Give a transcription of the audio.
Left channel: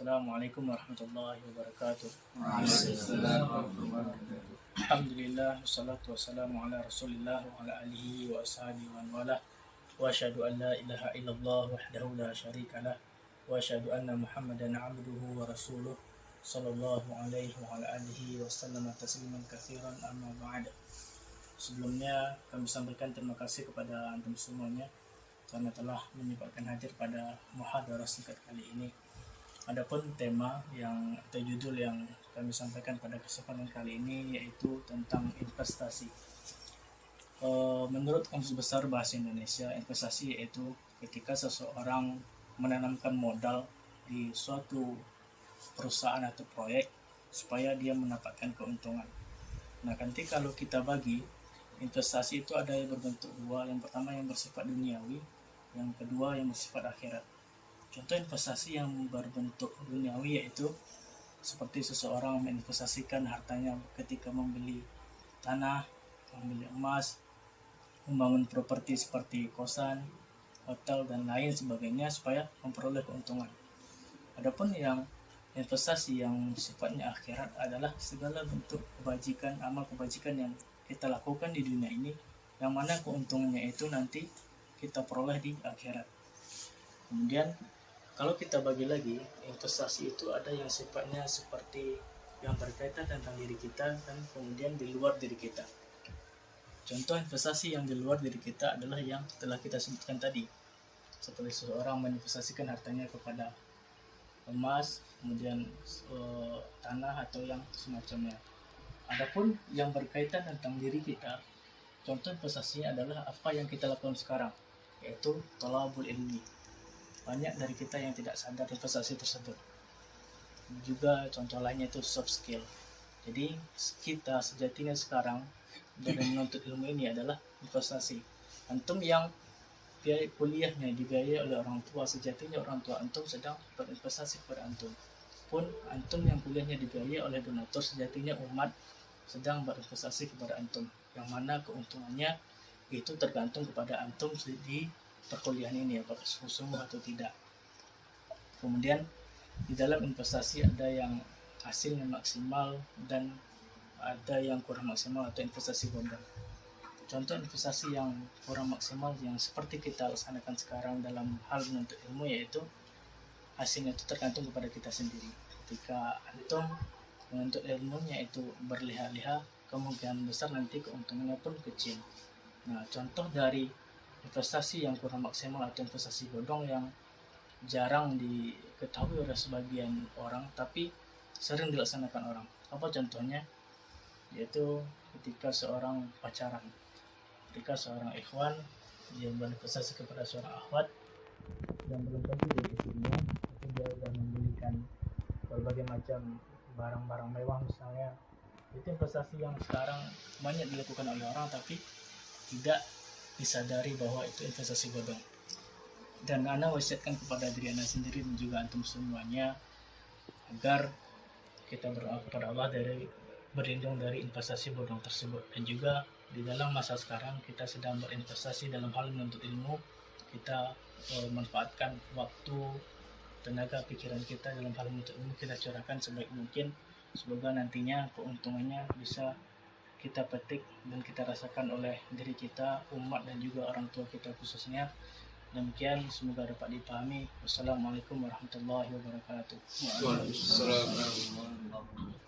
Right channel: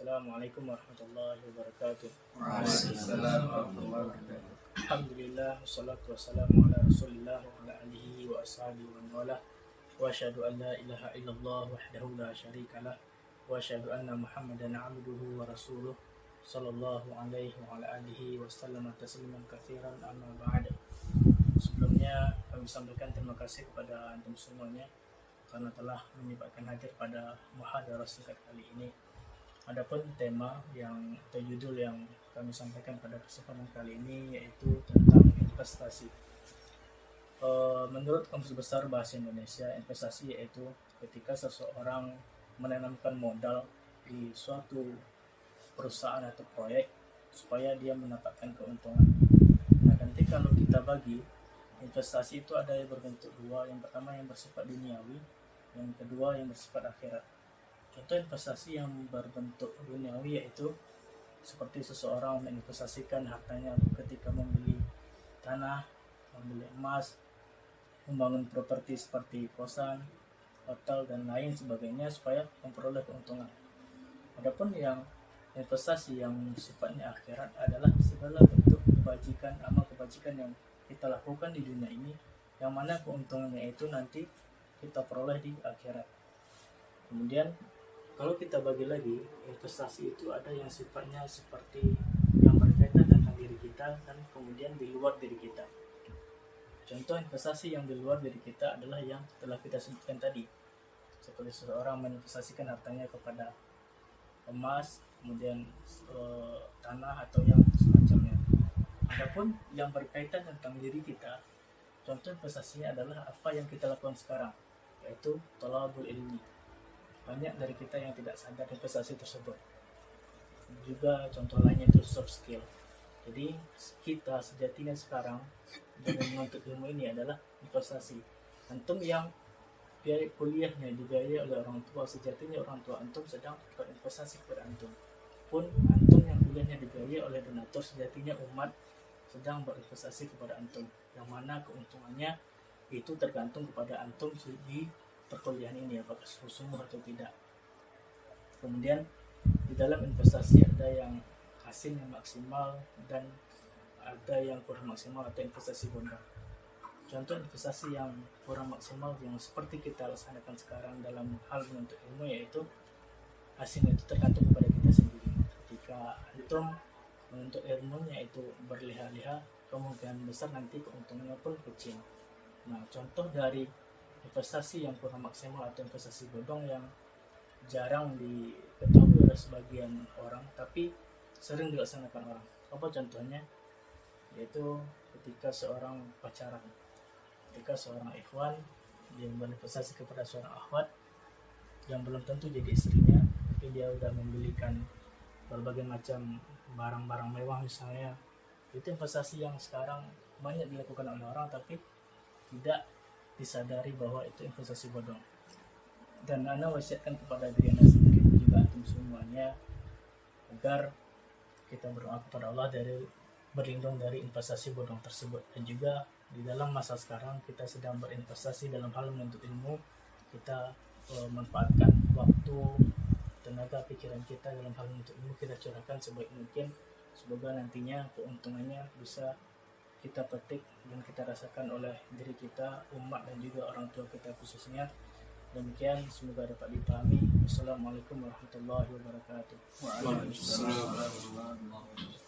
Assalamualaikum warahmatullahi wabarakatuh. Waalaikumsalam warahmatullahi wabarakatuh. Alhamdulillah, wassalatu wassalamu ala rasulillah wa ala alihi wa ashabihi wa wala. Wa asyhadu an la ilaha illallah wahdahu la syarikalah. Wa asyhadu anna Muhammadan abduhu wa rasuluh sallallahu alaihi wa ala alihi wa sallam tasliman katsiran, amma ba'd. Sebelumnya kami sampaikan terima kasih kepada antum semuanya karena telah menyempatkan hadir pada muhadarah singkat kali ini. Adapun tema atau judul yang kami sampaikan pada kesempatan kali ini yaitu tentang investasi. Menurut Kamus Besar Bahasa Indonesia, investasi yaitu ketika seseorang menanamkan modal di suatu perusahaan atau proyek supaya dia mendapatkan keuntungan. Nah, nanti kalau kita bagi investasi itu ada yang berbentuk dua. Yang pertama yang bersifat duniawi, yang kedua yang bersifat akhirat. Contoh investasi yang berbentuk duniawi yaitu seperti seseorang menginvestasikan hartanya ketika membeli tanah, membeli emas, membangun properti seperti kosan, hotel, dan lain sebagainya supaya memperoleh keuntungan. Adapun yang investasi yang sifatnya akhirat adalah segala bentuk kebajikan, amal kebajikan yang kita lakukan di dunia ini, yang mana keuntungannya itu nanti kita peroleh di akhirat. Kemudian kalau kita bagi lagi, investasi itu ada yang sifatnya seperti yang berkaitan tentang diri kita dan kemudian di luar diri kita. Contoh investasi yang di luar diri kita adalah yang telah kita sebutkan tadi, seperti seseorang menginvestasikan hartanya kepada emas, kemudian tanah atau yang semacamnya. Adapun yang berkaitan tentang diri kita, contoh investasinya adalah apa yang kita lakukan sekarang, yaitu thalabul ilmi. Banyak dari kita yang tidak sadar investasi tersebut. Juga contoh lainnya itu soft skill. Jadi kita sejatinya sekarang dalam menuntut ilmu ini adalah investasi. Antum yang biaya kuliahnya dibiayai oleh orang tua, sejatinya orang tua antum sedang berinvestasi kepada antum. Pun antum yang kuliahnya dibiayai oleh donatur, sejatinya umat sedang berinvestasi kepada antum. Yang mana keuntungannya itu tergantung kepada antum di perkuliahan ini, apakah sungguh-sungguh atau tidak. Kemudian di dalam investasi ada yang hasilnya maksimal dan ada yang kurang maksimal atau investasi bodong. Contoh investasi yang kurang maksimal yang seperti kita laksanakan sekarang dalam hal menuntut ilmu, yaitu hasilnya itu tergantung kepada kita sendiri. Ketika antum menuntut ilmunya itu berliha-liha, kemungkinan besar nanti keuntungannya pun kecil. Nah, contoh dari investasi yang kurang maksimal atau investasi bodong yang jarang diketahui oleh sebagian orang tapi sering dilaksanakan orang. Apa contohnya? Yaitu ketika seorang pacaran, ketika seorang ikhwan dia berinvestasi kepada seorang akhwat yang belum tentu jadi istrinya, tapi dia sudah membelikan berbagai macam barang-barang mewah misalnya. Itu investasi yang sekarang banyak dilakukan oleh orang tapi tidak disadari bahwa itu investasi bodong. Dan ana wasiatkan kepada diri anda sendiri dan juga antum semuanya agar kita berdoa kepada Allah berlindung dari investasi bodong tersebut. Dan juga di dalam masa sekarang kita sedang berinvestasi dalam hal menuntut ilmu, kita manfaatkan waktu, tenaga, pikiran kita dalam hal menuntut ilmu kita curahkan sebaik mungkin. Semoga nantinya keuntungannya bisa kita petik dan kita rasakan oleh diri kita, umat, dan juga orang tua kita khususnya. Demikian, semoga dapat dipahami. Wassalamualaikum warahmatullahi wabarakatuh. Waalaikumsalam warahmatullahi wabarakatuh.